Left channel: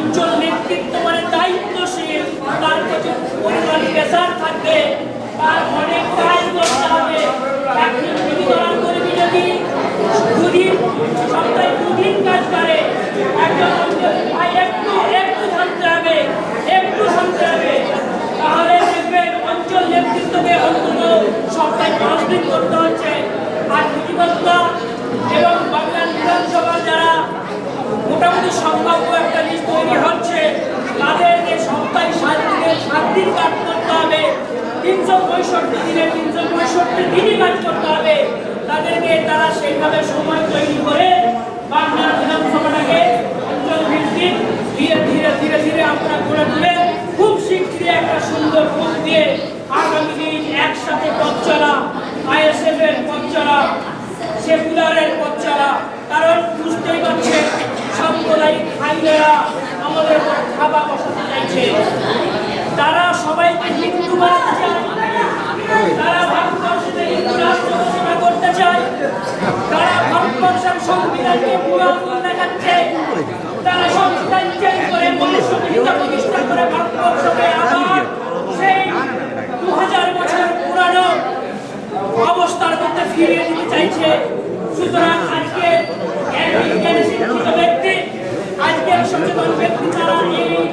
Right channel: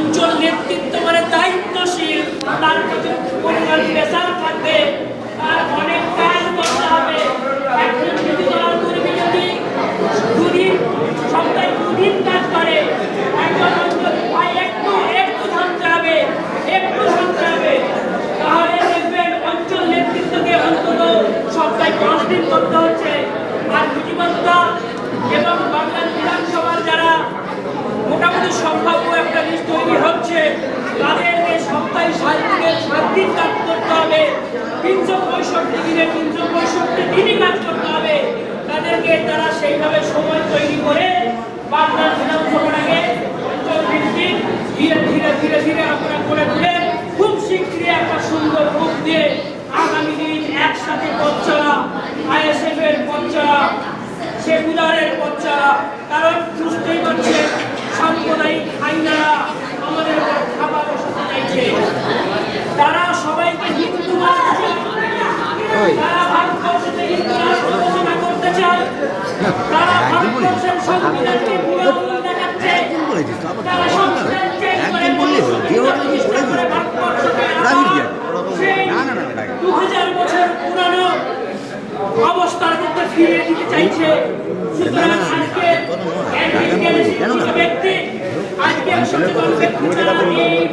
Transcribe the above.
অঞ্চল নেতৃত্ব মানে দায়িত্বশীল, তার কাছে পরিমাণ প্রেসার থাকবে, তার অনেক কাজ করতে হবে। একজন যদি দলাল কর্মী যদি দুদিন সপ্তাহে দুদিন কাজ করে, একজন একটু থামতে হবে, তাহলে দেখবেন অঞ্চল নেতৃত্বকে অন্তত সপ্তাহে 5 দিন করতে হচ্ছে। আর বিধিবদ্ধ এবং বাংলার বিধানসভার যারা মোটামুটি সম্ভাব্য একটা লিস্ট তৈরি হচ্ছে, তাদেরকে সপ্তাহে 7 দিন কাজ করতে হবে, 365 দিনে 365 দিনই কাজ করতে হবে। তাদেরকে তারা সেইভাবে সময় তৈরি করে বাংলার বিধানসভাটাকে অঞ্চল ভিত্তিক ধীরে ধীরে আপনারা করে তুলে খুব শীঘ্রই একটা সুন্দর রূপ দিয়ে আগামী দিন একসাথে পথ চলা, ISF এর পথ চলা, সেকুলারের পথ চলা। কারণ বুঝতেই পারছেন সাম্প্রদায়িক আইনেরা আমাদের খাবার বসাতে চাইছে। তারা সবাইকে হিন্দু বানাতে চায়, তারা ভারতবর্ষে হিন্দু রাষ্ট্র ঘোষণা করতে চায়, তারা ভারতবর্ষের সংবিধানকে পুরোপুরি দেখাচ্ছে, তারা সংবিধান চেঞ্জ করে মনুষ্যত্ব প্রতিষ্ঠা করে ভারতবর্ষকে আবার সেই 2000 বছর পুরানো অবস্থার মধ্যে ফিরিয়ে দিতে চাইছে। সুতরাং আজকে এক বিজ্ঞানী শিক্ষিত ব্যক্তি, আজকে সচেতন ব্যক্তি তারা এই